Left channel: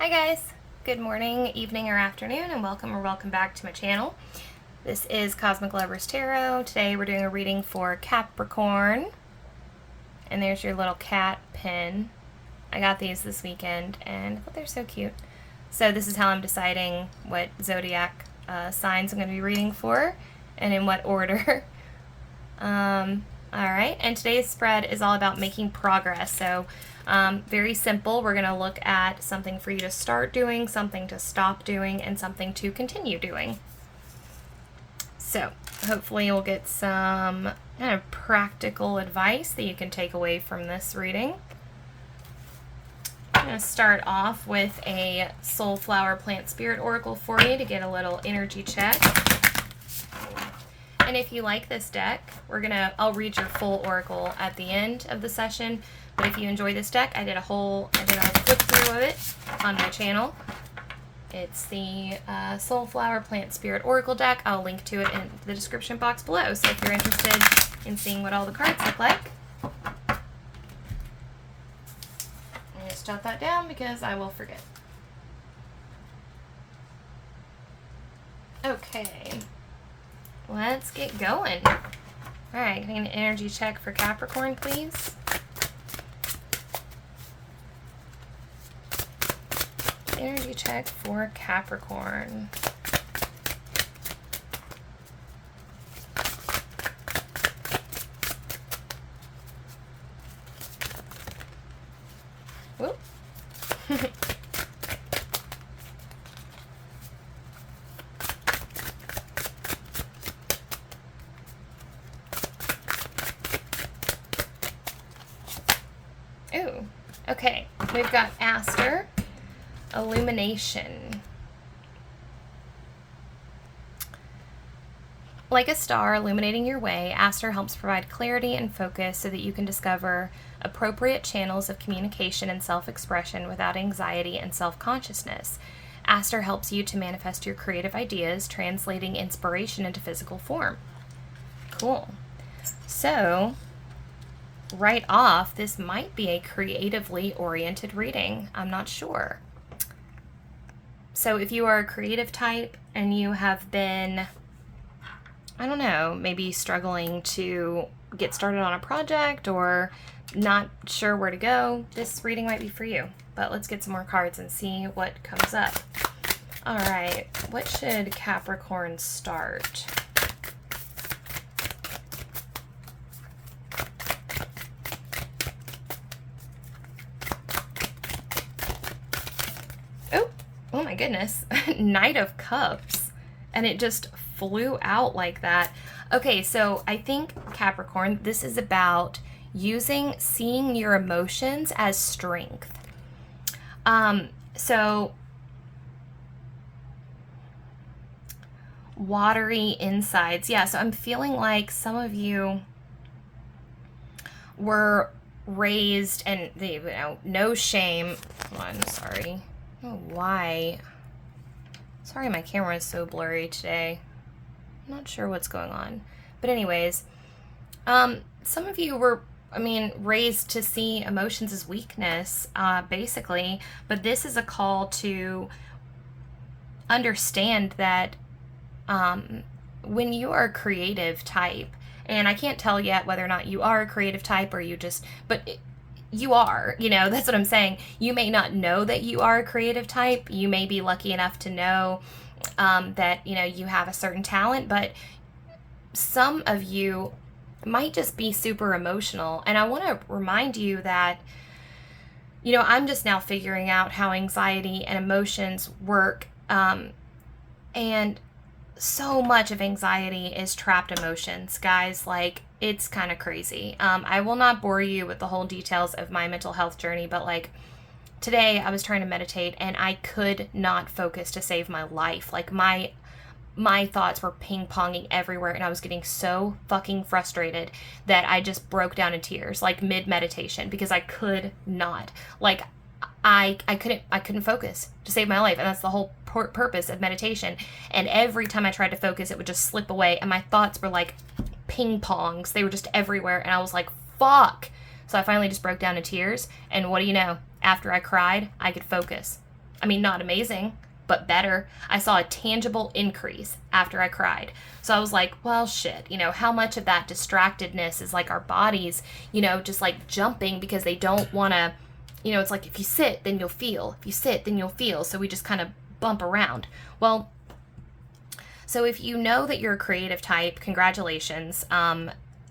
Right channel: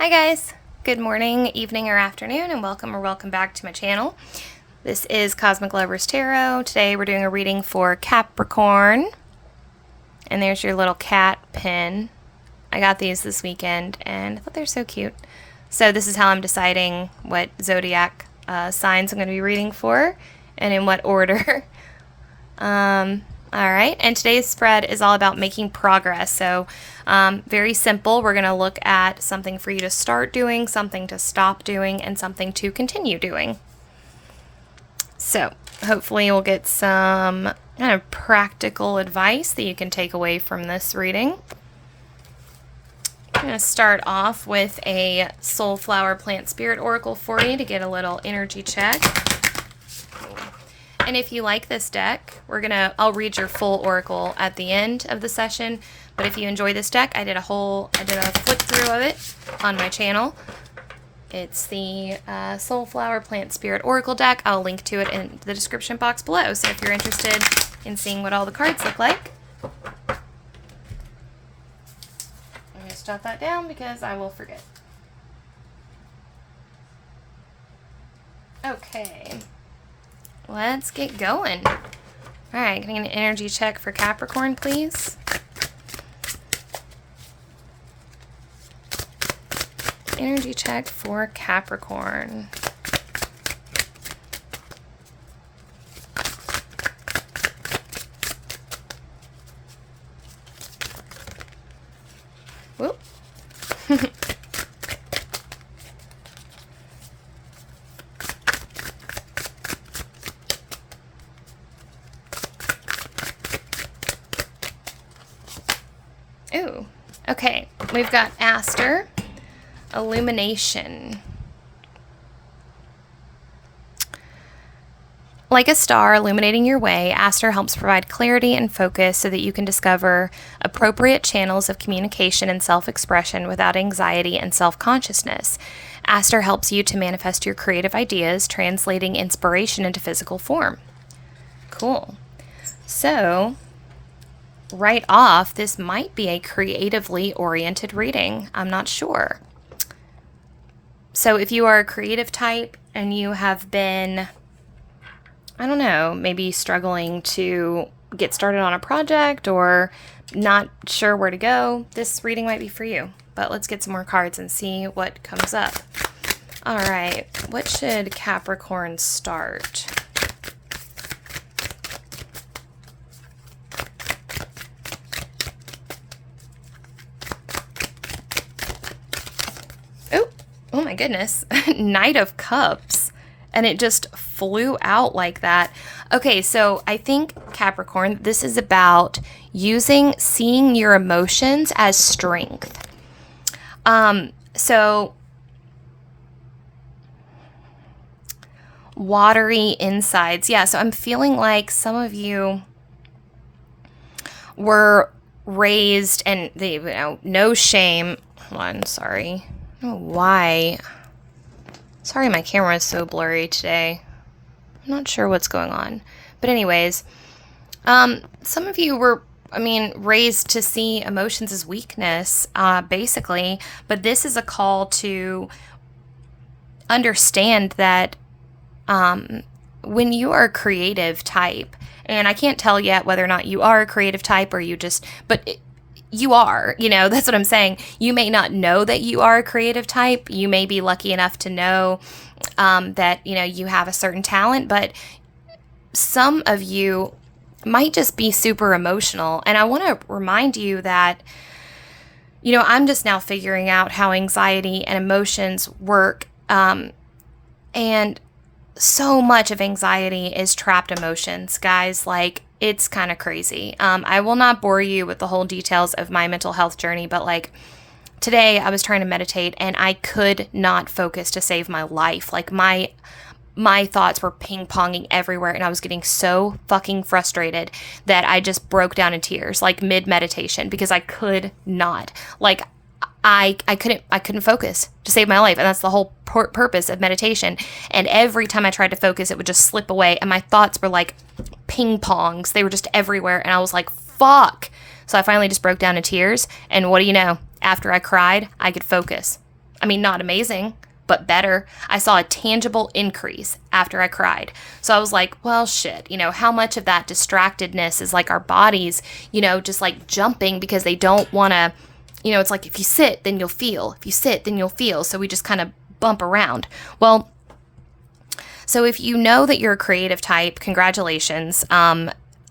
Hi guys, good morning, evening, or afternoon, and welcome back to my channel. This is Cosmic Lovers Tarot. Today we're doing a reading for Capricorn, and there's your little cat pin. I got these this weekend, and I thought they're so cute. So this is how I'm deciding what zodiac signs I'm going to be reading for, and in what order. Alright, and today's spread is all about making progress. So, very simple. We're going to look at something for you to start doing, something to stop doing, and something to continue doing. So, hopefully we'll get some kind of practical advice that you can take away from this reading. I'm going to start off with a Soulflower Plant Spirit Oracle for you to get a little energy check. And if you like this deck, I'll read your full oracle at the end of the session. But if you enjoy this deck, I did a flip through of it on my channel. It's the Soulflower Plant Spirit Oracle deck. I'll link to it in the description box below. So if you're interested in seeing what all the cards look like, I'm going to jot that down because I will forget. Okay. Let's get going. All right, can I get an energy check for Capricorn, please? Energy check for Capricorn. Whoop. Ooh, okay. We've got Aster, Illumination. Like a star illuminating your way, Aster helps provide clarity and focus so that you can discover appropriate channels of communication and self-expression without anxiety and self-consciousness. Aster helps you to manifest your creative ideas, translating inspiration into physical form. Cool. So, right off, this might be a creatively oriented reading. I'm not sure. So if you are a creative type and you have been, I don't know, maybe struggling to get started on a project or not sure where to go, this reading might be for you. But let's get some more cards and see what comes up. All right, what should Capricorn start? Oh my goodness, Knight of Cups, and it just flew out like that. Okay, so I think Capricorn, this is about seeing your emotions as strength. So watery insides. Yeah, so I'm feeling like some of you were raised and no shame. Hold on, sorry. I don't know why. Sorry, my camera is so blurry today. I'm not sure what's going on. But anyways, some of you were, raised to see emotions as weakness, basically. But this is a call to understand that when you are a creative type, and I can't tell yet whether or not you are a creative type or you are, that's what I'm saying. You may not know that you are a creative type. You may be lucky enough to know that, you have a certain talent, but some of you might just be super emotional. And I want to remind you that, I'm just now figuring out how anxiety and emotions work. And so much of anxiety is trapped emotions, guys. Like, it's kind of crazy. I will not bore you with the whole details of my mental health journey, but today I was trying to meditate and I could not focus to save my life. Like my thoughts were ping-ponging everywhere and I was getting so fucking frustrated that I just broke down in tears, mid-meditation, because I could not. I couldn't focus to save my life, and that's the whole purpose of meditation. And every time I tried to focus, it would just slip away, and my thoughts were like ping pongs. They were just everywhere, and I was like, fuck. So I finally just broke down in tears, and what do you know? After I cried, I could focus. I mean, not amazing, but better. I saw a tangible increase after I cried. So I was like, well, shit, how much of that distractedness is like our bodies, just like jumping because they don't want to, it's like if you sit, then you'll feel. If you sit, then you'll feel. So we just kind of bump around. Well, so if you know that you're a creative type, congratulations.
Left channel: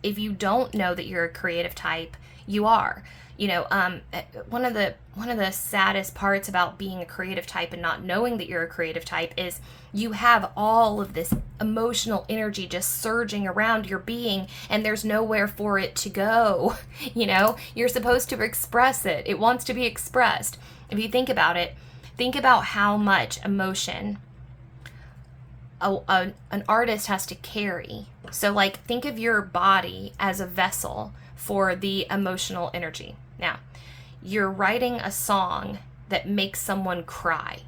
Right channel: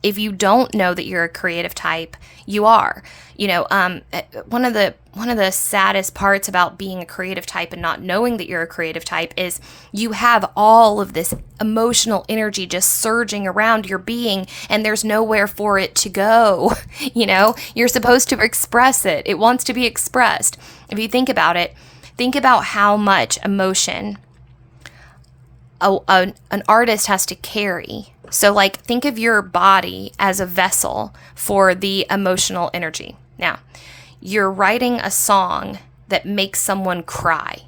If you don't know that you're a creative type, you are. One of the saddest parts about being a creative type and not knowing that you're a creative type is you have all of this emotional energy just surging around your being, and there's nowhere for it to go. You're supposed to express it. It wants to be expressed. If you think about it, think about how much emotion an artist has to carry. So like, think of your body as a vessel for the emotional energy. Now, you're writing a song that makes someone cry.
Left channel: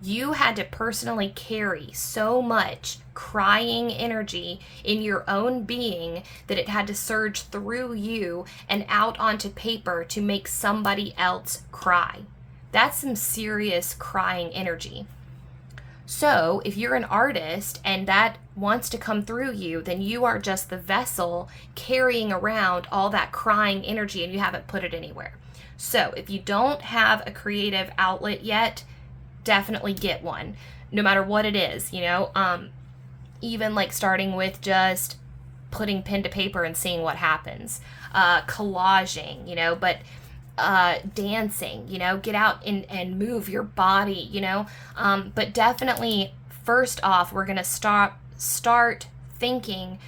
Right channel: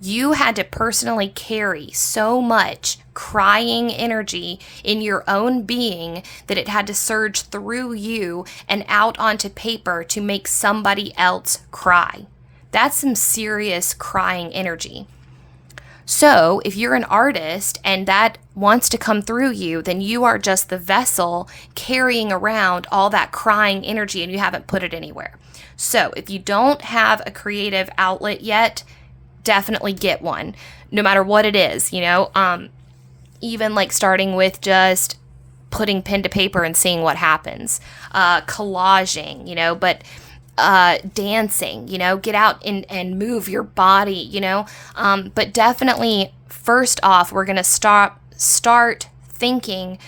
You had to personally carry so much crying energy in your own being that it had to surge through you and out onto paper to make somebody else cry. That's some serious crying energy. So if you're an artist and that wants to come through you, then you are just the vessel carrying around all that crying energy and you haven't put it anywhere. So if you don't have a creative outlet yet, definitely get one, no matter what it is, even like starting with just putting pen to paper and seeing what happens, collaging, but dancing, get out and move your body, but definitely first off, we're going to start thinking.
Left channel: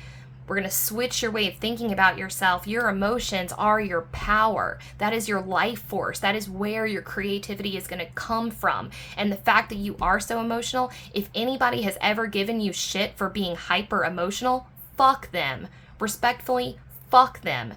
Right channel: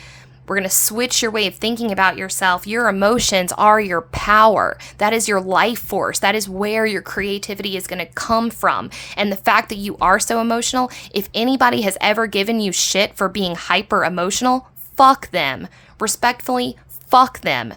We're going to switch your way of thinking about yourself. Your emotions are your power. That is your life force. That is where your creativity is going to come from. And the fact that you are so emotional, if anybody has ever given you shit for being hyper emotional, fuck them. Respectfully, fuck them.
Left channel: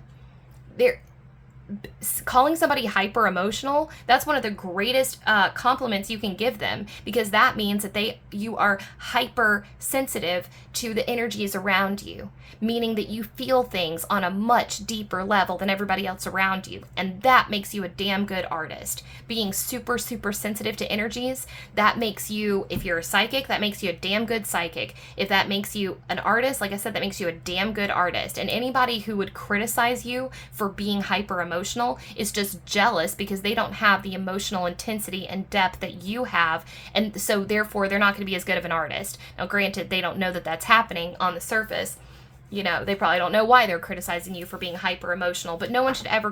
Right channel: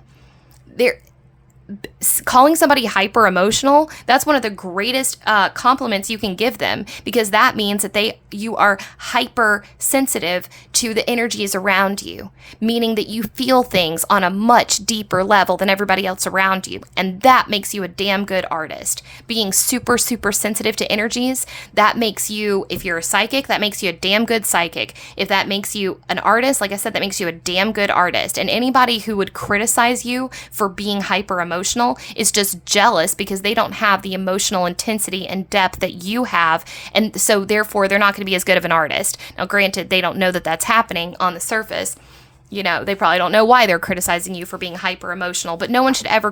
Calling somebody hyper emotional, that's one of the greatest compliments you can give them, because that means that you are hyper sensitive to the energies around you, meaning that you feel things on a much deeper level than everybody else around you, and that makes you a damn good artist. Being super sensitive to energies, that makes you, if you're a psychic, that makes you a damn good psychic. If that makes you an artist, like I said, that makes you a damn good artist. And anybody who would criticize you for being hyper emotional is just jealous because they don't have the emotional intensity and depth that you have, and so therefore they're not going to be as good of an artist. Now granted, they don't know that that's happening on the surface. They probably don't know why they're criticizing you for being hyper emotional, but no one should ever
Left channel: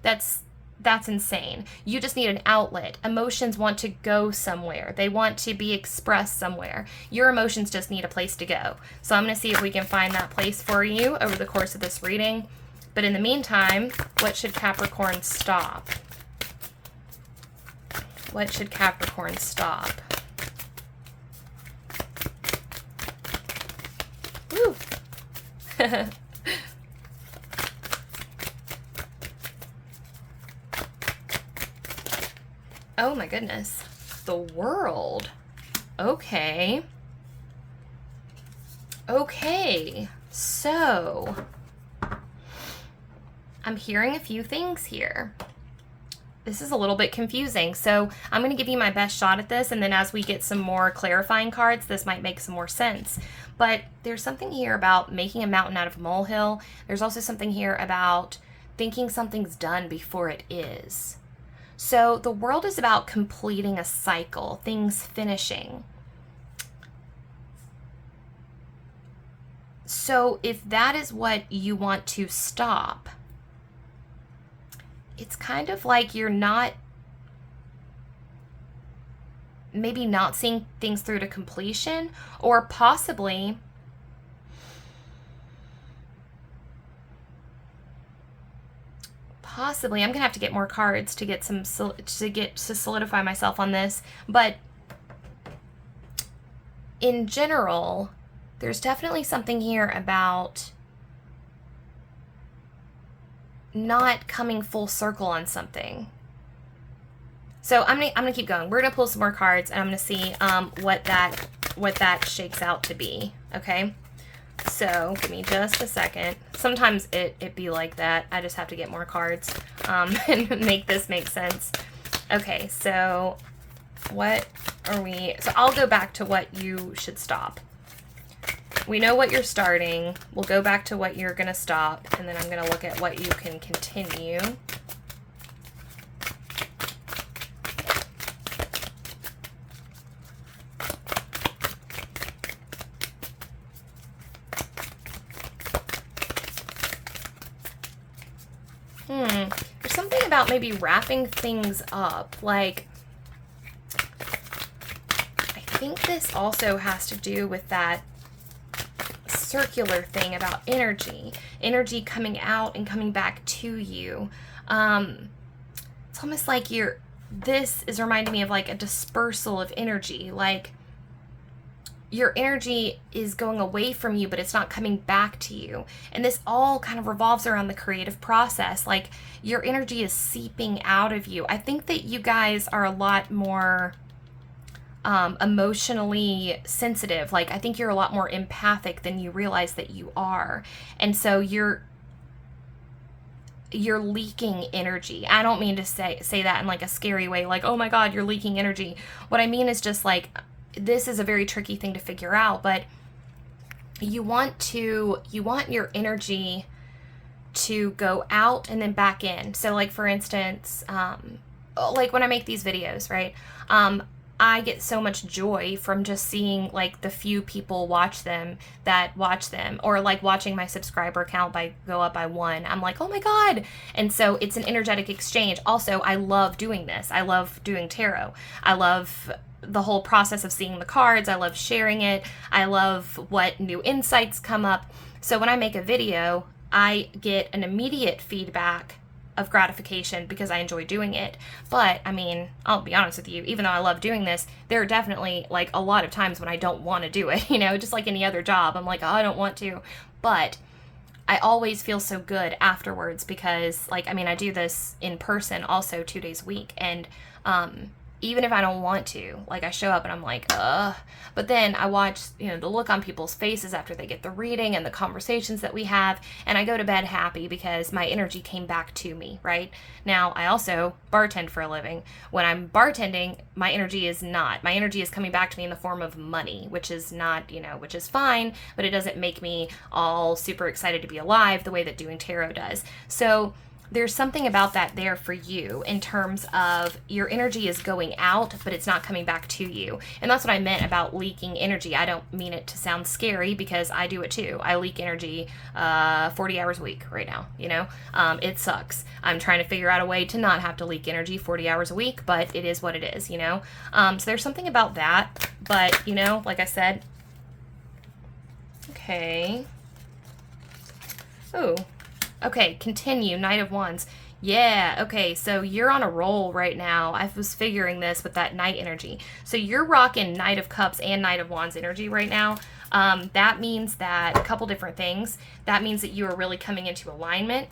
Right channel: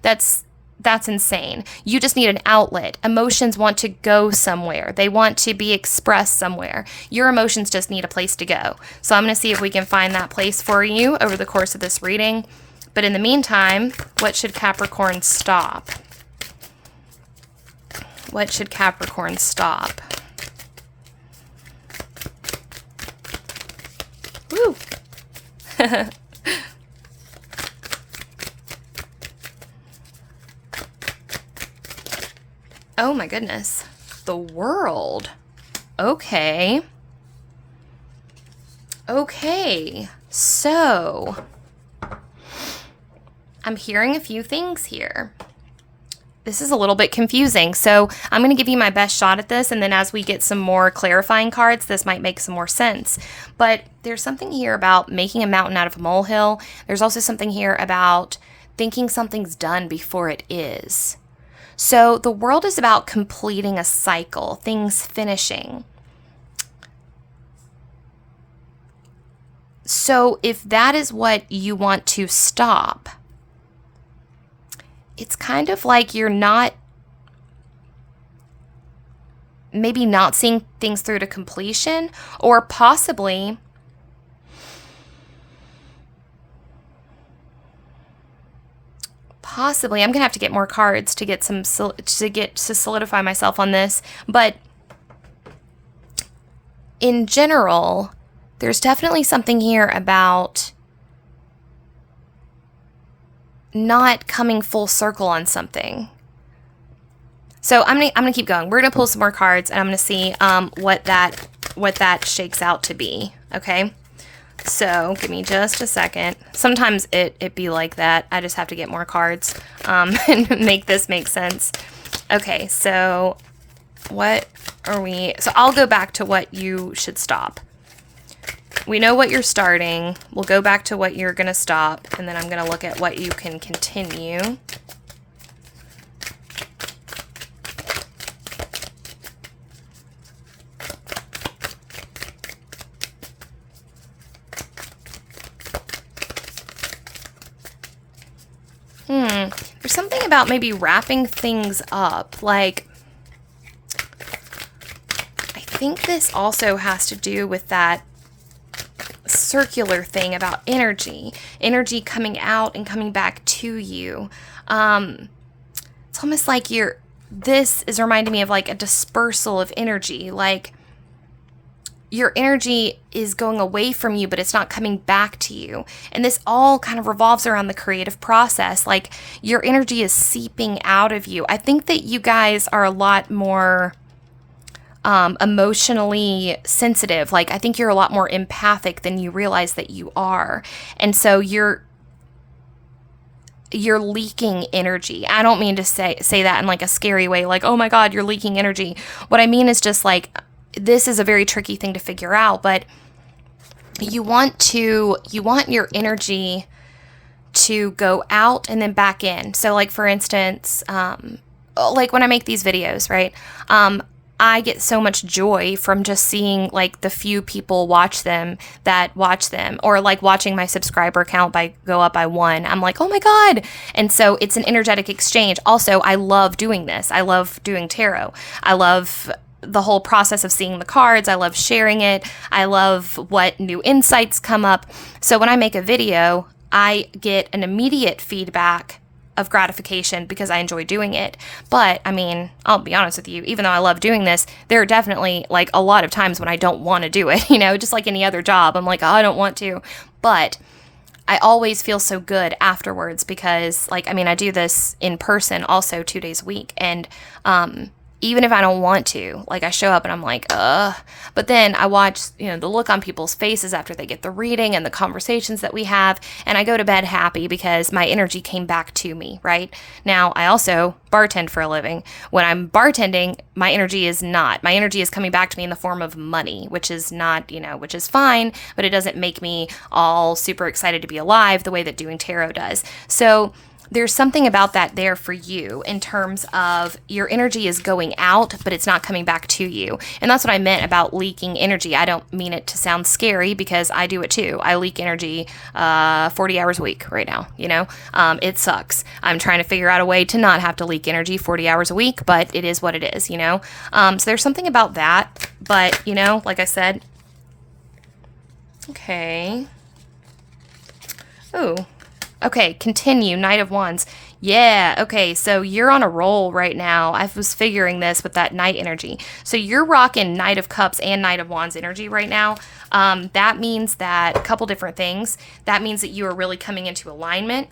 that's insane. You just need an outlet. Emotions want to go somewhere. They want to be expressed somewhere. Your emotions just need a place to go. So I'm going to see if we can find that place for you over the course of this reading. But in the meantime, what should Capricorn stop? What should Capricorn stop? Woo! Oh my goodness. The World. Okay. Okay. So I'm hearing a few things here. This is a little bit confusing, so I'm going to give you my best shot at this, and then as we get some more clarifying cards, this might make some more sense. But there's something here about making a mountain out of a molehill. There's also something here about thinking something's done before it is. So the World is about completing a cycle, things finishing. So if that is what you want to stop, it's kind of like you're maybe not seeing things through to completion, or possibly I'm going to have to get more cards to get to solidify myself on this, but in general, there's definitely something here about not coming full circle on something. So I'm gonna keep going. We're gonna pull some more cards, and I'm gonna see what that shakes out to be. Okay, so give me just a second. Sometimes it be like that. I just have to get more cards and make this make sense. Okay, so What are we... So I'll go back to what you should stop. We know what you're starting. We'll go back to what you're going to stop, and then I'm going to look at what you can continue. There's something about maybe wrapping things up. Like, I think this also has to do with that circular thing about energy coming out and coming back to you. It's almost like this is reminding me of like a dispersal of energy. Like, your energy is going away from you, but it's not coming back to you. And this all kind of revolves around the creative process. Like, your energy is seeping out of you. I think that you guys are a lot more emotionally sensitive. Like, I think you're a lot more empathic than you realize that you are. And so you're leaking energy. I don't mean to say that in like a scary way, like, oh my God, you're leaking energy. What I mean is just like, this is a very tricky thing to figure out, but you want your energy to go out and then back in. So like, for instance, like when I make these videos, right? I get so much joy from just seeing like the few people watch them, or like watching my subscriber count go up by 1. I'm like, oh my God. And so it's an energetic exchange. Also, I love doing this. I love doing tarot. I love the whole process of seeing the cards. I love sharing it. I love what new insights come up. So when I make a video, I get an immediate feedback of gratification because I enjoy doing it. But I mean, I'll be honest with you, even though I love doing this, there are definitely like a lot of times when I don't want to do it, just like any other job. I'm like, oh, I don't want to. But I always feel so good afterwards because like, I mean, I do this in person also 2 days a week. And, even if I don't want to, like I show up and I'm like, ugh. But then I watch, the look on people's faces after they get the reading and the conversations that we have. And I go to bed happy because my energy came back to me, right? Now, I also bartend for a living. When I'm bartending, my energy is not. My energy is coming back to me in the form of money, which is not, which is fine, but it doesn't make me all super excited to be alive the way that doing tarot does. So there's something about that there for you in terms of your energy is going out, but it's not coming back to you. And that's what I meant about leaking energy. I don't mean it to sound scary because I do it too. I leak energy 40 hours a week right now, It sucks. I'm trying to figure out a way to not have to leak energy 40 hours a week, but it is what it is, So there's something about that. But, like I said, okay. Ooh. Okay, continue, Knight of Wands. Yeah, okay, so you're on a roll right now. I was figuring this with that Knight energy. So you're rocking Knight of Cups and Knight of Wands energy right now. That means that, a couple different things. That means that you are really coming into alignment.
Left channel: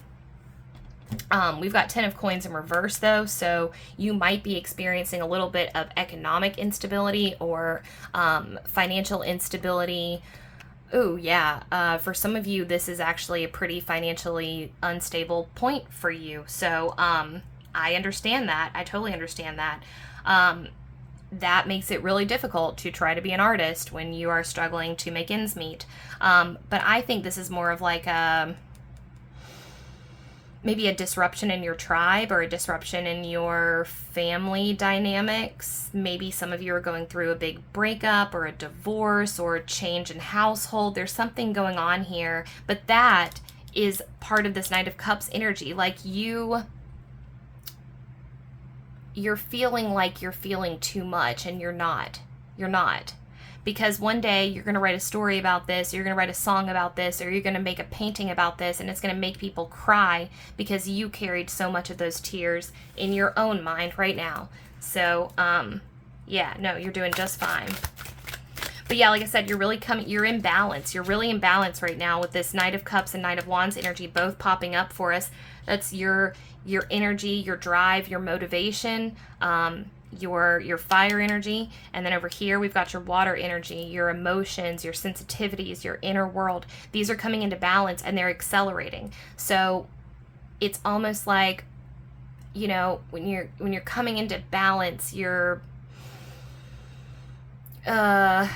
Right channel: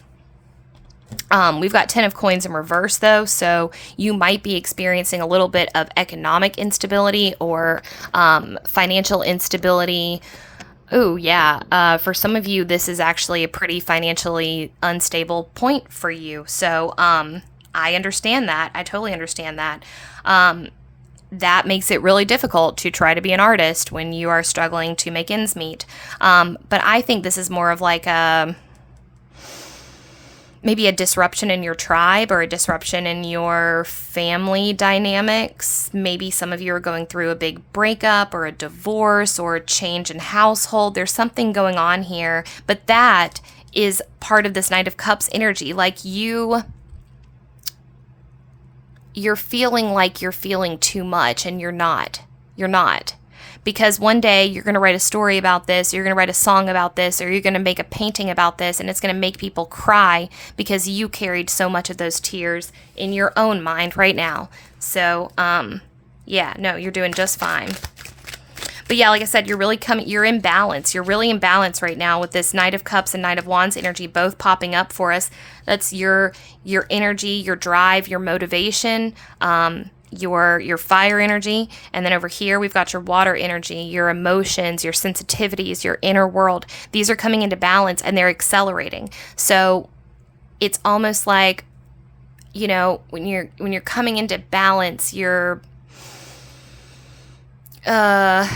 We've got 10 of Coins in reverse, though, so you might be experiencing a little bit of economic instability or financial instability. Oh, yeah. For some of you, this is actually a pretty financially unstable point for you. So I understand that. I totally understand that. That makes it really difficult to try to be an artist when you are struggling to make ends meet. But I think this is more of like maybe a disruption in your tribe or a disruption in your family dynamics. Maybe some of you are going through a big breakup or a divorce or a change in household. There's something going on here, but that is part of this Knight of Cups energy. Like you're feeling like you're feeling too much and you're not. You're not. Because one day you're going to write a story about this, you're going to write a song about this, or you're going to make a painting about this, and it's going to make people cry because you carried so much of those tears in your own mind right now. So, yeah, no, you're doing just fine. But yeah, like I said, you're in balance. You're really in balance right now with this Knight of Cups and Knight of Wands energy both popping up for us. That's your energy, your drive, your motivation, your fire energy. And then over here we've got your water energy, your emotions, your sensitivities, your inner world. These are coming into balance and they're accelerating. So it's almost like, when you're coming into balance, you're uh,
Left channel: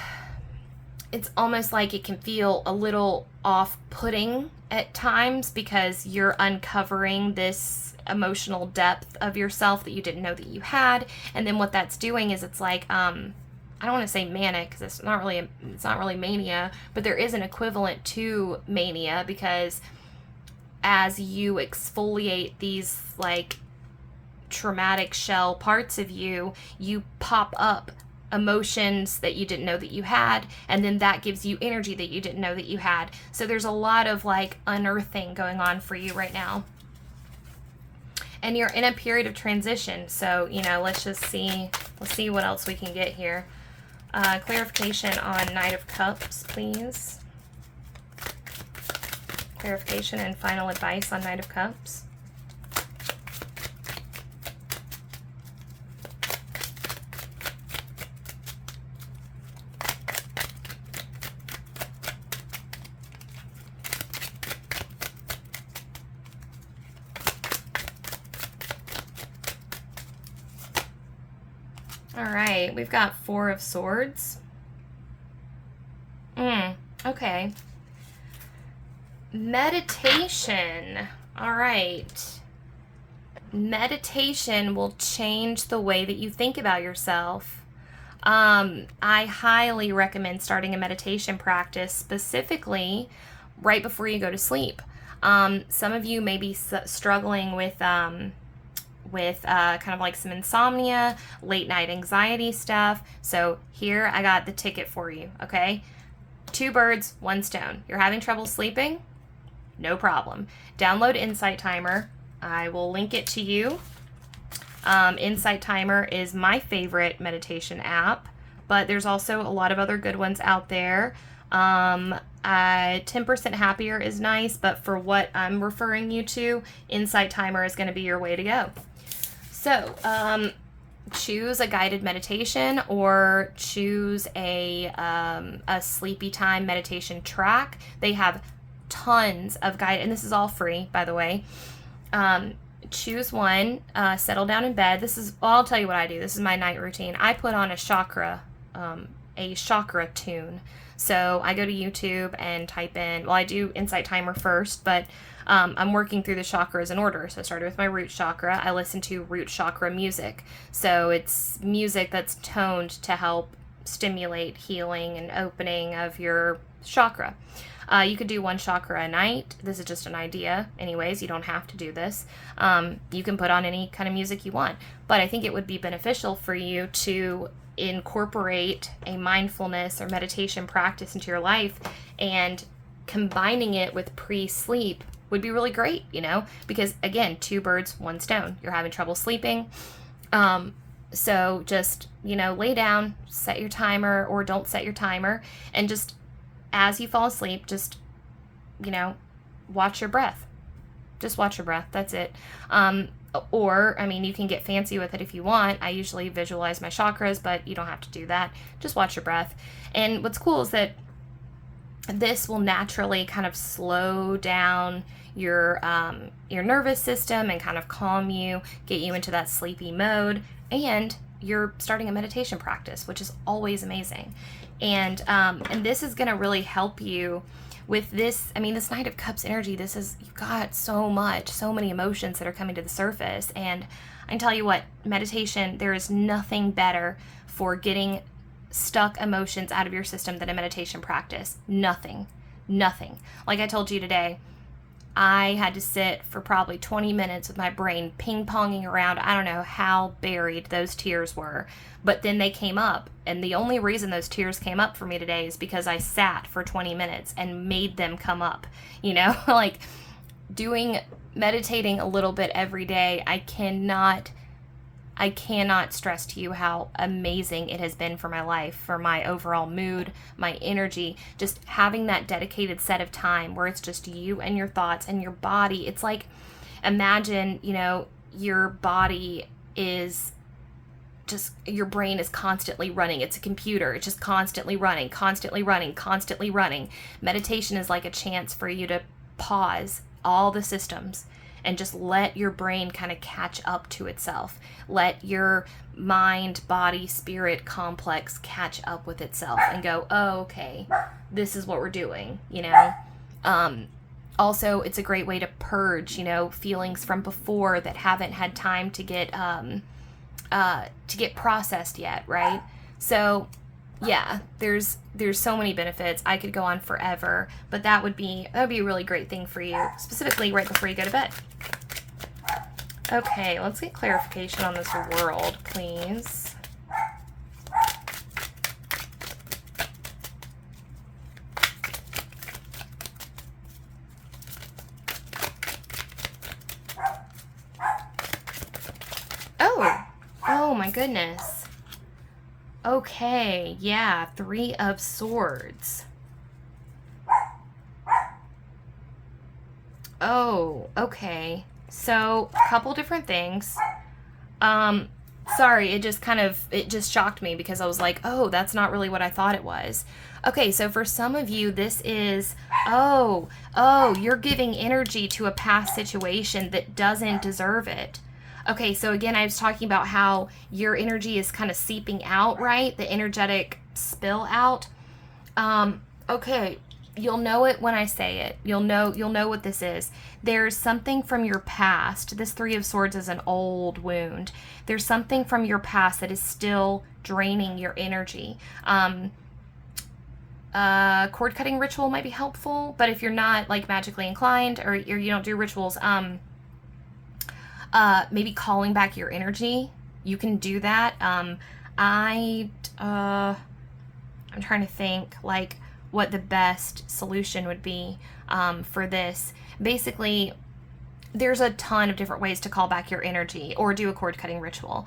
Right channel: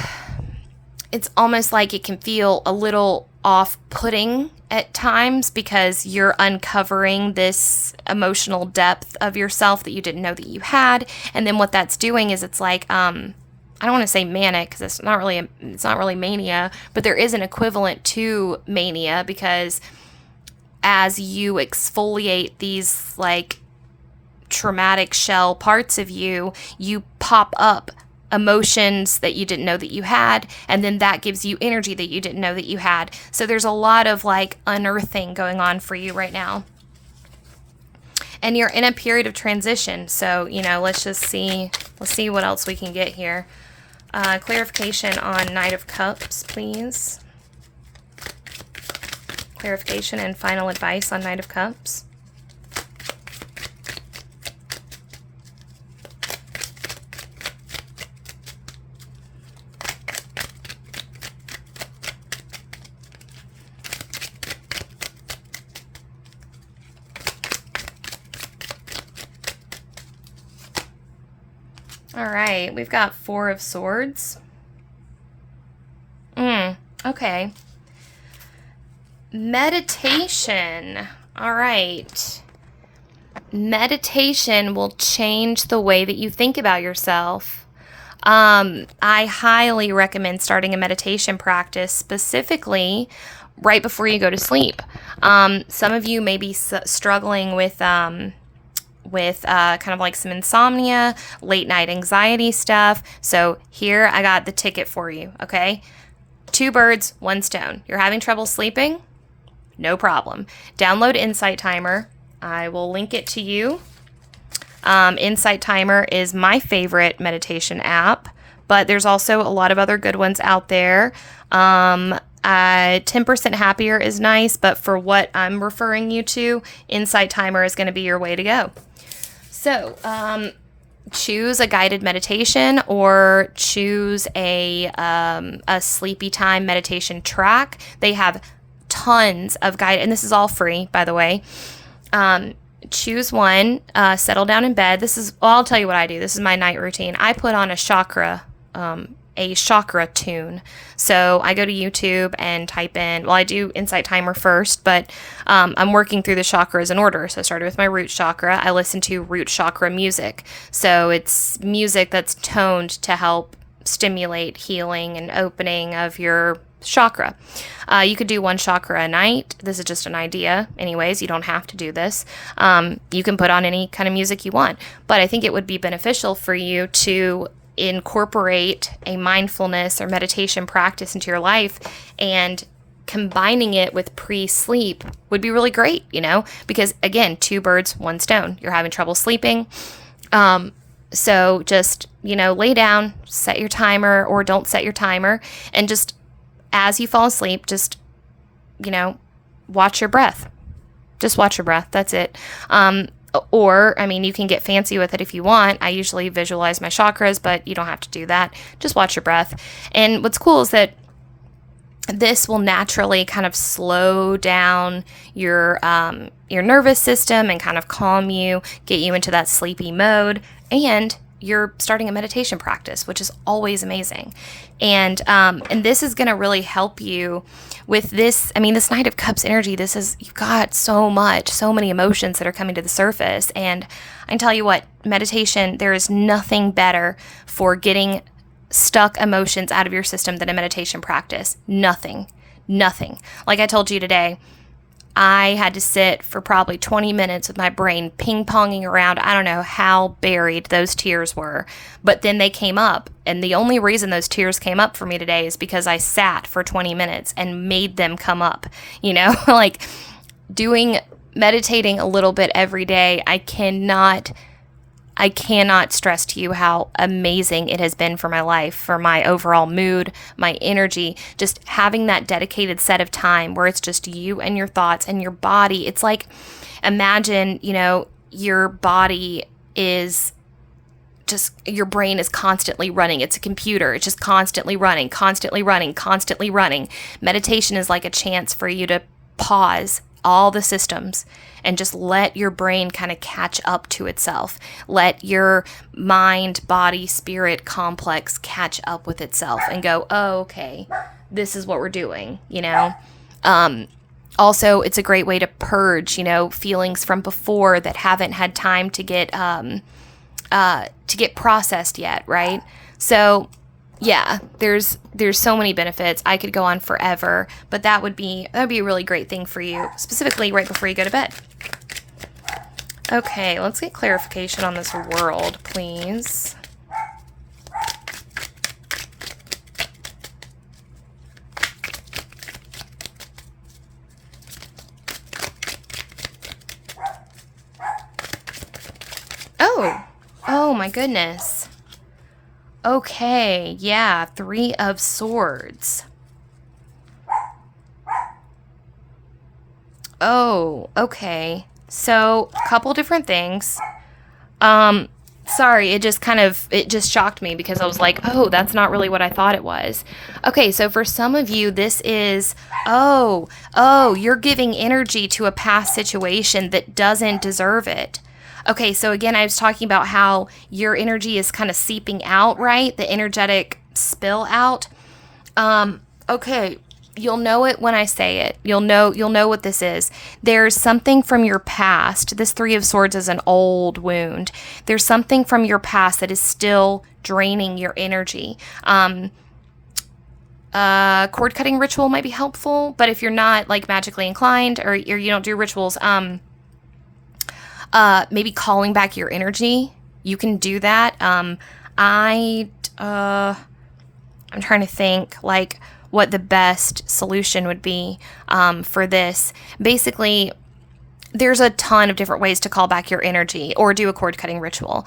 it's almost like it can feel a little off-putting at times because you're uncovering this emotional depth of yourself that you didn't know that you had. And then what that's doing is it's like, I don't want to say manic because it's not really mania, but there is an equivalent to mania because as you exfoliate these like traumatic shell parts of you, you pop up emotions that you didn't know that you had, and then that gives you energy that you didn't know that you had. So there's a lot of like unearthing going on for you right now. And you're in a period of transition. So, let's see what else we can get here. Clarification on Knight of Cups, please. Clarification and final advice on Knight of Cups. All right, we've got Four of Swords. Okay. Meditation. All right. Meditation will change the way that you think about yourself. I highly recommend starting a meditation practice, specifically right before you go to sleep. Some of you may be struggling with kind of like some insomnia, late night anxiety stuff. So here I got the ticket for you, okay? 2 birds, 1 stone. You're having trouble sleeping? No problem. Download Insight Timer. I will link it to you. Insight Timer is my favorite meditation app, but there's also a lot of other good ones out there. 10% Happier is nice, but for what I'm referring you to, Insight Timer is going to be your way to go. So, choose a guided meditation or choose a sleepy time meditation track. They have tons of guide, and this is all free, by the way. Choose one, settle down in bed. I'll tell you what I do. This is my night routine. I put on a chakra tune. So I go to YouTube and type in, I do Insight Timer first, but I'm working through the chakras in order. So I started with my root chakra. I listen to root chakra music. So it's music that's toned to help stimulate healing and opening of your chakra. You could do 1 chakra a night. This is just an idea. Anyways, you don't have to do this. You can put on any kind of music you want. But I think it would be beneficial for you to incorporate a mindfulness or meditation practice into your life, and combining it with pre-sleep would be really great, because again, 2 birds, 1 stone. You're having trouble sleeping. So just, lay down, set your timer, or don't set your timer, and just as you fall asleep, just, watch your breath. Just watch your breath. That's it. Or, you can get fancy with it if you want. I usually visualize my chakras, but you don't have to do that. Just watch your breath. And what's cool is that this will naturally kind of slow down your nervous system and kind of calm you, get you into that sleepy mode, and you're starting a meditation practice, which is always amazing. And this is going to really help you with this. This Knight of Cups energy, you've got so many emotions that are coming to the surface. And I can tell you what, meditation, there is nothing better for getting stuck emotions out of your system than a meditation practice. Nothing. Like I told you today, I had to sit for probably 20 minutes with my brain ping-ponging around. I don't know how buried those tears were, but then they came up. And the only reason those tears came up for me today is because I sat for 20 minutes and made them come up. Like meditating a little bit every day. I cannot stress to you how amazing it has been for my life, for my overall mood, my energy, just having that dedicated set of time where it's just you and your thoughts and your body. It's like, imagine, your body is just, your brain is constantly running. It's a computer. It's just constantly running. Meditation is like a chance for you to pause all the systems and just let your brain kind of catch up to itself. Let your mind, body, spirit complex catch up with itself and go, oh, okay, this is what we're doing, you know? Also, it's a great way to purge, you know, feelings from before that haven't had time to get processed yet, right? So yeah, there's so many benefits. I could go on forever, but that would be a really great thing for you, specifically right before you go to bed. Okay, let's get clarification on this world, please. Oh my goodness. Okay, yeah, 3 of Swords. Oh, okay. So, a couple different things. Sorry, it just shocked me because I was like, oh, that's not really what I thought it was. Okay, so for some of you, this is, you're giving energy to a past situation that doesn't deserve it. Okay, so again, I was talking about how your energy is kind of seeping out, right? The energetic spill out. Okay, you'll know it when I say it. You'll know what this is. There's something from your past. This 3 of Swords is an old wound. There's something from your past that is still draining your energy. Cord cutting ritual might be helpful, but if you're not like magically inclined or you don't do rituals, maybe calling back your energy. You can do that. I'm trying to think like what the best solution would be for this. Basically, there's a ton of different ways to call back your energy or do a cord cutting ritual.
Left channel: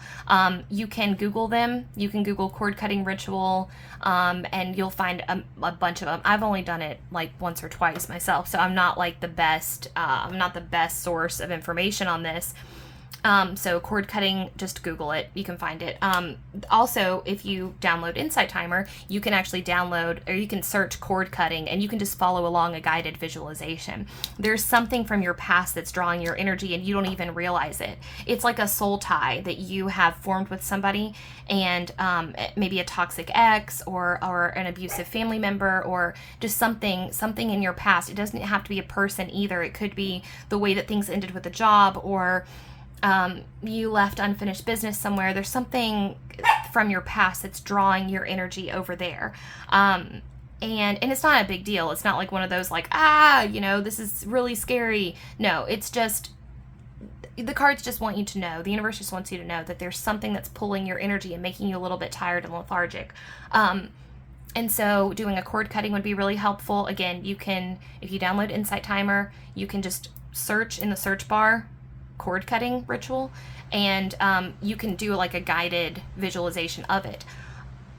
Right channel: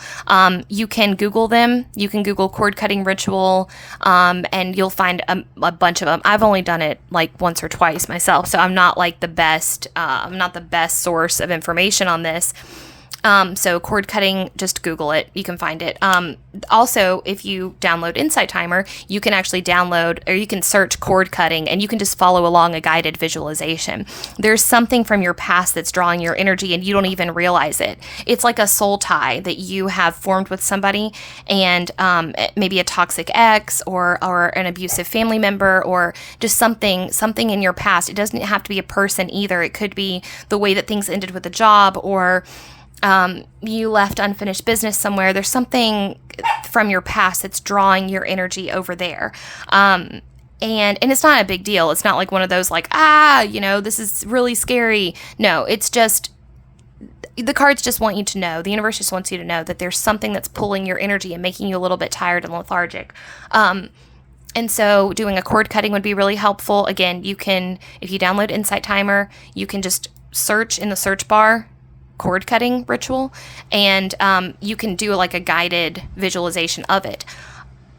You can Google them. You can Google cord cutting ritual, and you'll find a bunch of them. I've only done it like once or twice myself, so I'm not like the best. I'm not the best source of information on this. So cord cutting, just Google it. You can find it. Also, if you download Insight Timer, you can actually download or you can search cord cutting and you can just follow along a guided visualization. There's something from your past that's drawing your energy and you don't even realize it. It's like a soul tie that you have formed with somebody and maybe a toxic ex or an abusive family member or just something in your past. It doesn't have to be a person either. It could be the way that things ended with a job or you left unfinished business somewhere. There's something from your past that's drawing your energy over there. And it's not a big deal. It's not like one of those like, this is really scary. No, it's just, the cards just want you to know, the universe just wants you to know that there's something that's pulling your energy and making you a little bit tired and lethargic. And so doing a cord cutting would be really helpful. Again, you can, if you download Insight Timer, you can just search in the search bar cord cutting ritual and you can do like a guided visualization of it.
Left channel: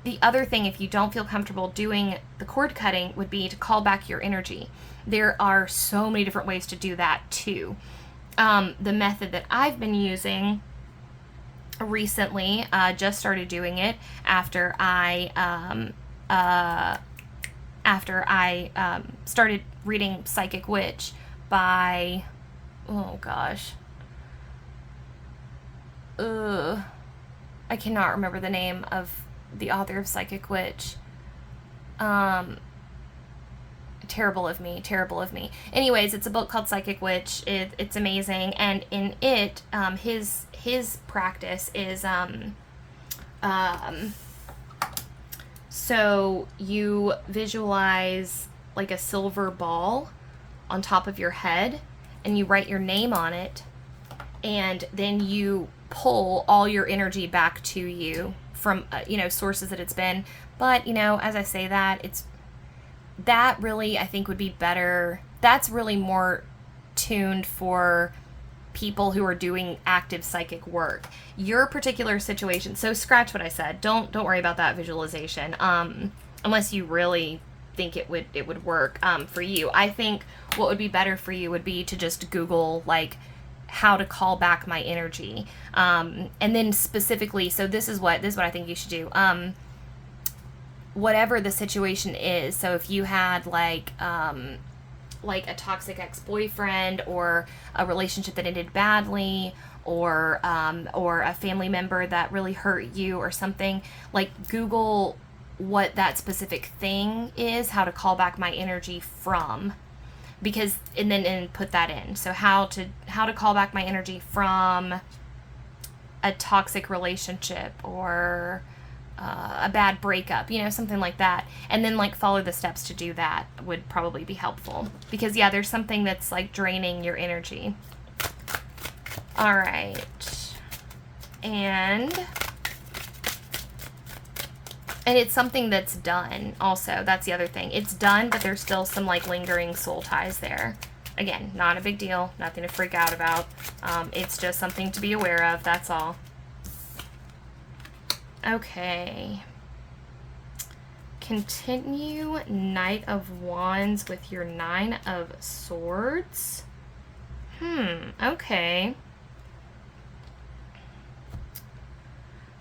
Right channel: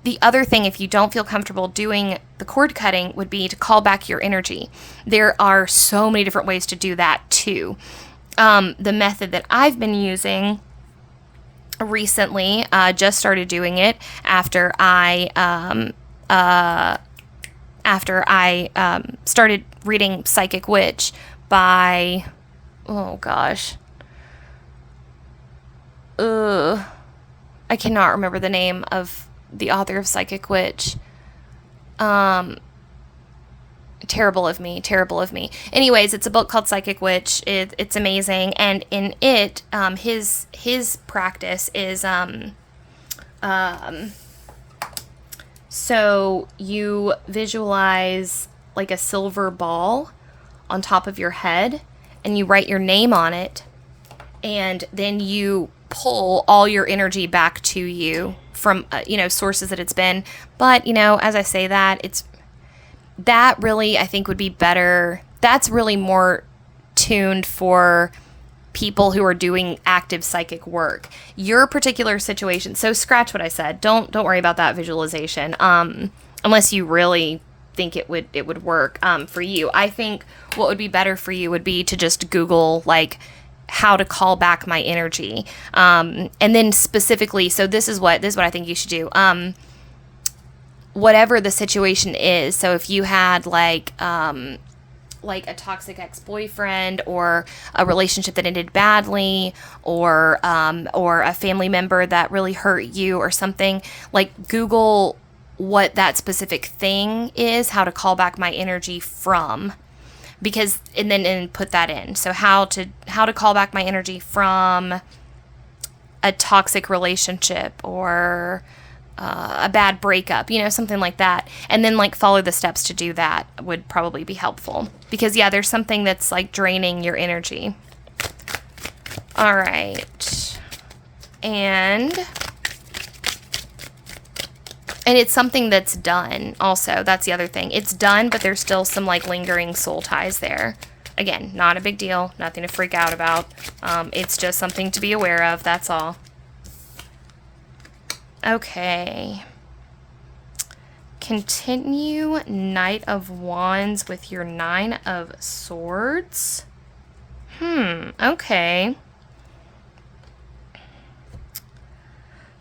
The other thing, if you don't feel comfortable doing the cord cutting, would be to call back your energy. There are so many different ways to do that too. The method that I've been using recently, just started doing it after I started reading Psychic Witch by, oh gosh, I cannot remember the name of the author of Psychic Witch. Terrible of me. Anyways, it's a book called Psychic Witch. It's amazing, and in it, his practice is so you visualize like a silver ball on top of your head, and you write your name on it, and then you pull all your energy back to you from sources that it's been. But as I say that, that really I think would be better. That's really more tuned for people who are doing active psychic work. Your particular situation, so scratch what I said. Don't worry about that visualization unless you really think it would work for you. I think what would be better for you would be to just Google like how to call back my energy. And then specifically, so this is what I think you should do. Whatever the situation is. So if you had like, like a toxic ex-boyfriend or a relationship that ended badly, or a family member that really hurt you or something, like Google what that specific thing is, how to call back my energy from, because and put that in. So how to call back my energy from a toxic relationship or a bad breakup, something like that. And then like follow the steps to do that would probably be helpful, because yeah, there's something that's like draining your energy. All right. And it's something that's done also. That's the other thing. It's done, but there's still some like lingering soul ties there. Again, not a big deal, nothing to freak out about. It's just something to be aware of, that's all. Okay. Continue Knight of Wands with your Nine of Swords. Okay.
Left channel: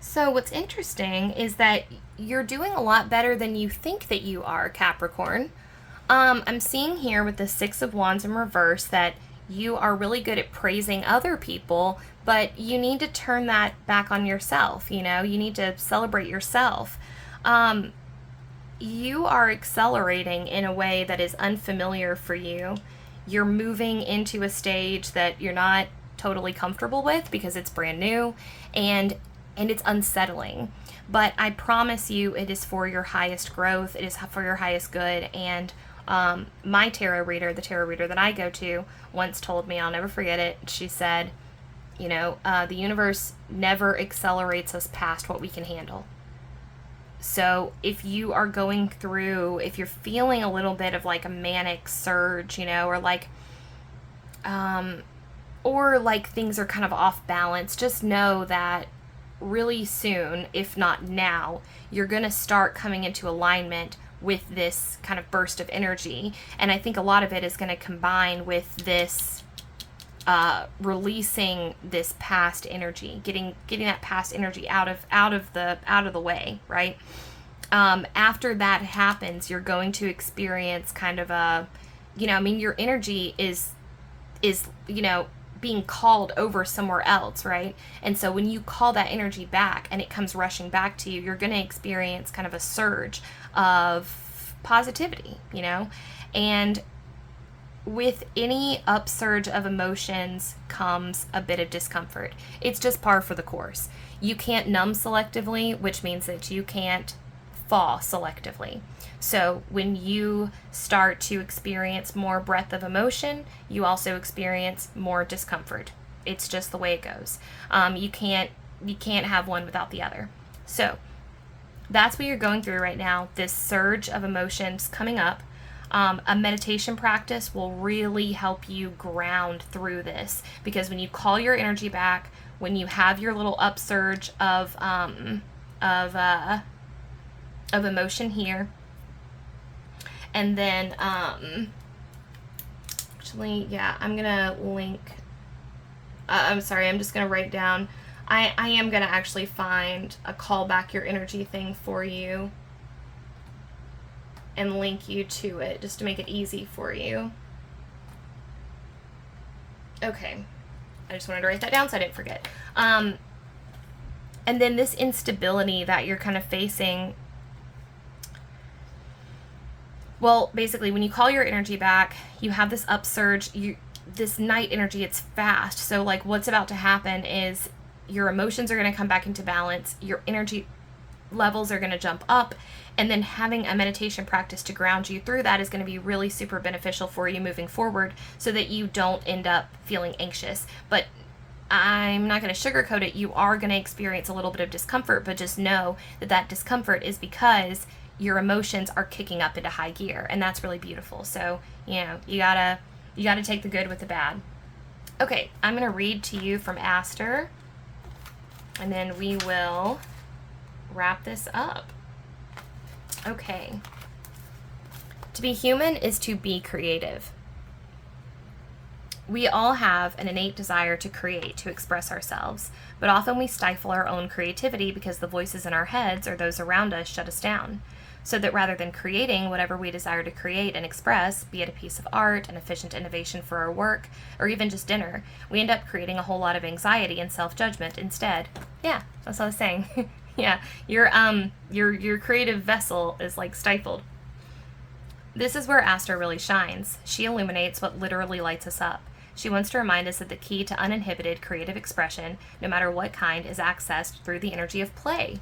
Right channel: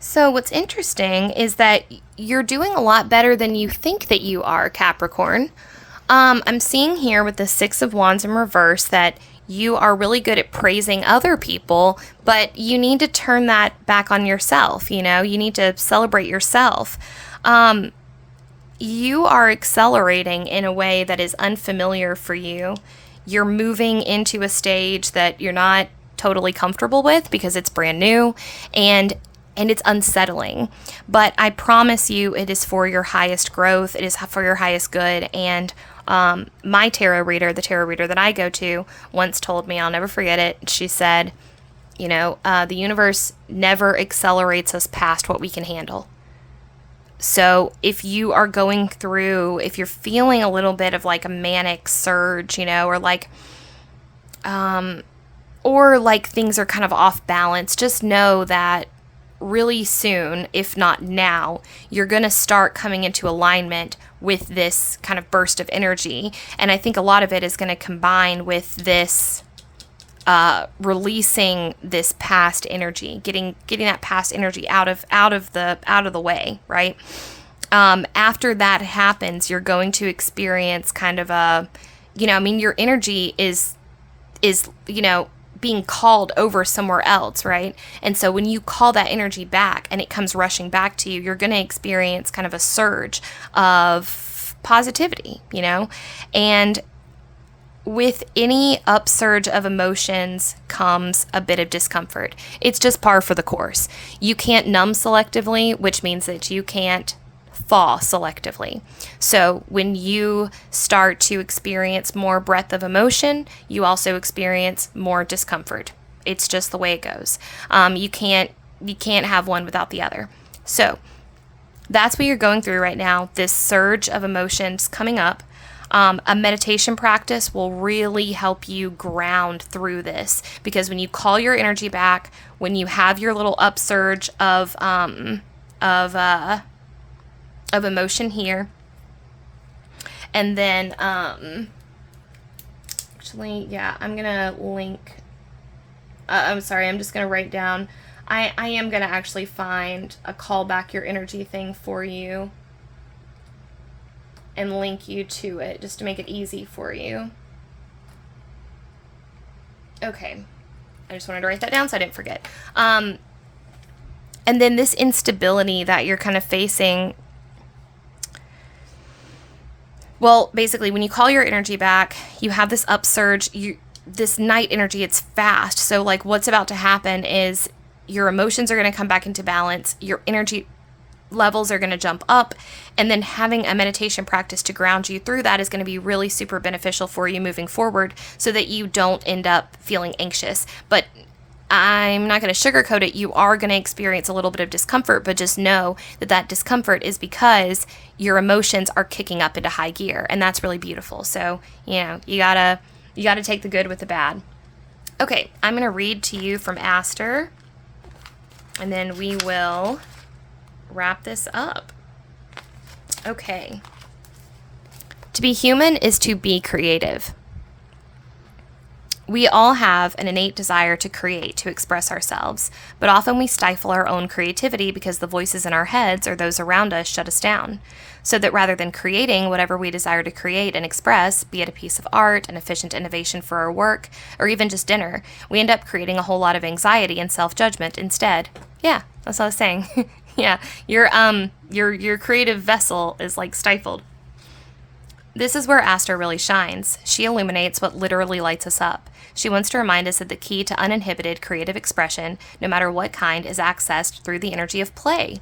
So what's interesting is that you're doing a lot better than you think that you are, Capricorn. I'm seeing here with the Six of Wands in reverse that you are really good at praising other people, but you need to turn that back on yourself. You need to celebrate yourself. You are accelerating in a way that is unfamiliar for you. You're moving into a stage that you're not totally comfortable with because it's brand new, and it's unsettling. But I promise you, it is for your highest growth. It is for your highest good. And my tarot reader, the tarot reader that I go to, once told me, I'll never forget it. She said, the universe never accelerates us past what we can handle. So if you are going through, if you're feeling a little bit of like a manic surge, or like things are kind of off balance, just know that really soon, if not now, you're going to start coming into alignment with this kind of burst of energy. And I think a lot of it is going to combine with this releasing this past energy, getting that past energy out of the way, right? After that happens, you're going to experience kind of a, your energy is being called over somewhere else, right? And so when you call that energy back and it comes rushing back to you, you're going to experience kind of a surge of positivity, and with any upsurge of emotions comes a bit of discomfort. It's just par for the course. You can't numb selectively, which means that you can't thaw selectively. So when you start to experience more breadth of emotion, you also experience more discomfort. It's just the way it goes. You can't have one without the other. So that's what you're going through right now, this surge of emotions coming up. A meditation practice will really help you ground through this, because when you call your energy back, when you have your little upsurge of emotion here, and then actually, yeah, I'm gonna link. I'm sorry, I'm just gonna write down. I am gonna actually find a call back your energy thing for you and link you to it just to make it easy for you. Okay, I just wanted to write that down so I didn't forget. And then this instability that you're kind of facing. Well, basically, when you call your energy back, you have this upsurge. This night energy, it's fast. So, like, what's about to happen is your emotions are going to come back into balance. Your energy levels are going to jump up. And then having a meditation practice to ground you through that is going to be really super beneficial for you moving forward, so that you don't end up feeling anxious. But I'm not going to sugarcoat it. You are going to experience a little bit of discomfort, but just know that that discomfort is because your emotions are kicking up into high gear, and that's really beautiful. So, you gotta take the good with the bad. Okay, I'm going to read to you from Aster, and then we will wrap this up. Okay. To be human is to be creative. We all have an innate desire to create, to express ourselves, but often we stifle our own creativity because the voices in our heads or those around us shut us down. So that rather than creating whatever we desire to create and express, be it a piece of art, an efficient innovation for our work, or even just dinner, we end up creating a whole lot of anxiety and self-judgment instead. Yeah, that's what I was saying. Yeah, your creative vessel is like stifled. This is where Aster really shines. She illuminates what literally lights us up. She wants to remind us that the key to uninhibited creative expression, no matter what kind, is accessed through the energy of play.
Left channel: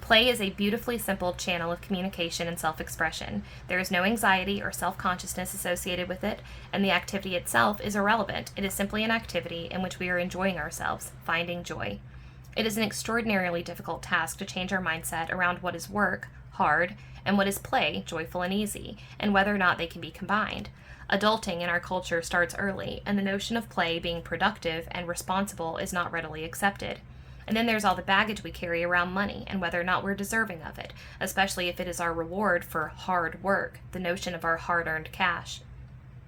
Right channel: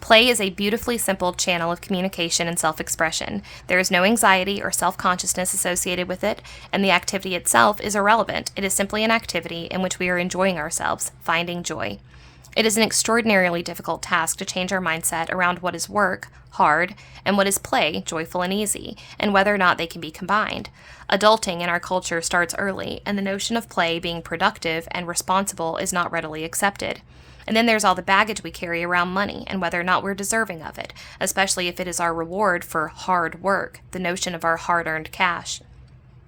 Play is a beautifully simple channel of communication and self-expression. There is no anxiety or self-consciousness associated with it, and the activity itself is irrelevant. It is simply an activity in which we are enjoying ourselves, finding joy. It is an extraordinarily difficult task to change our mindset around what is work, hard, and what is play, joyful and easy, and whether or not they can be combined. Adulting in our culture starts early, and the notion of play being productive and responsible is not readily accepted. And then there's all the baggage we carry around money and whether or not we're deserving of it, especially if it is our reward for hard work, the notion of our hard-earned cash.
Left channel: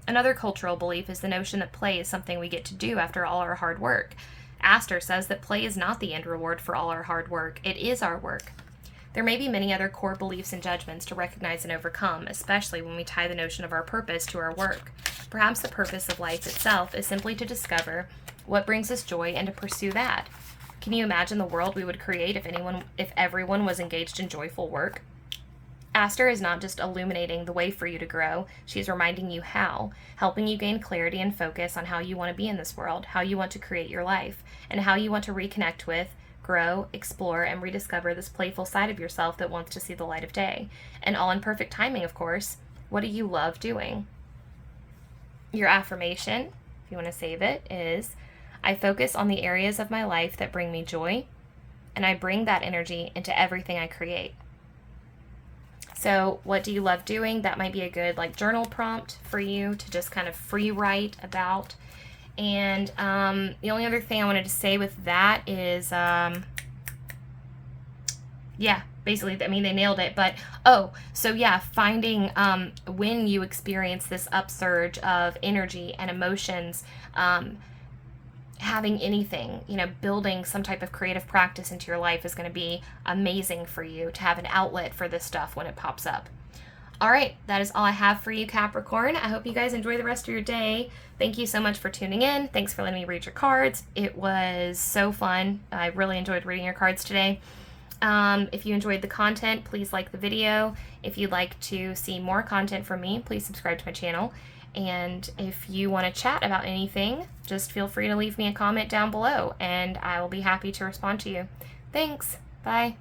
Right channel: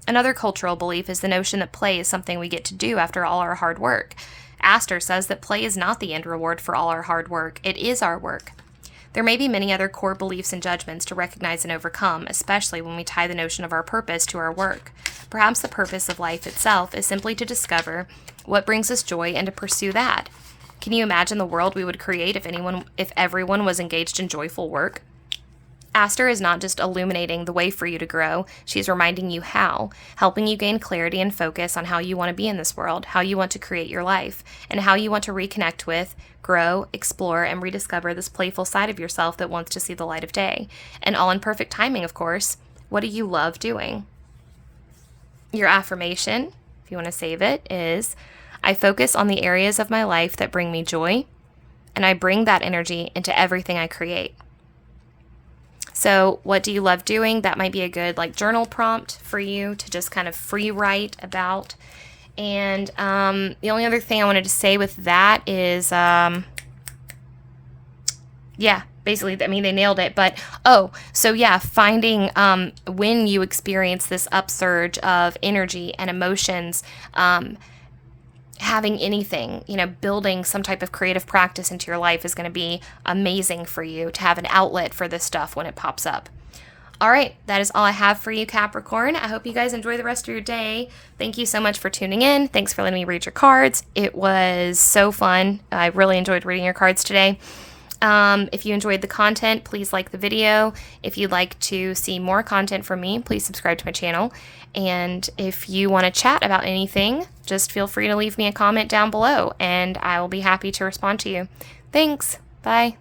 Another cultural belief is the notion that play is something we get to do after all our hard work. Aster says that play is not the end reward for all our hard work. It is our work. There may be many other core beliefs and judgments to recognize and overcome, especially when we tie the notion of our purpose to our work. Perhaps the purpose of life itself is simply to discover what brings us joy and to pursue that. Can you imagine the world we would create if everyone was engaged in joyful work? Aster is not just illuminating the way for you to grow, she's reminding you how, helping you gain clarity and focus on how you want to be in this world, how you want to create your life, and how you want to reconnect with, grow, explore, and rediscover this playful side of yourself that wants to see the light of day. And all in perfect timing, of course. What do you love doing? Your affirmation, if you want to save it, is, I focus on the areas of my life that bring me joy, and I bring that energy into everything I create. So what do you love doing? That might be a good journal prompt for you to just kind of free write about. And the only other thing I wanted to say with that is, basically, I mean, they nailed it. But, finding when you experience this upsurge of energy and emotions, having anything, building some type of creative practice into your life is going to be amazing for you to have an outlet for this stuff when it pops up. All right, that is all I have for you, Capricorn. I hope you guys enjoy the rest of your day. Thank you so much for tuning in. Thanks for letting me read your cards. It was so fun. I really enjoyed reading your cards today. If you enjoyed the content, please like the video. If you'd like to see more content from me, please subscribe to my channel. And if you want to chat about anything, just feel free to leave me a comment down below, and I will be happy to respond to you. Thanks. Bye.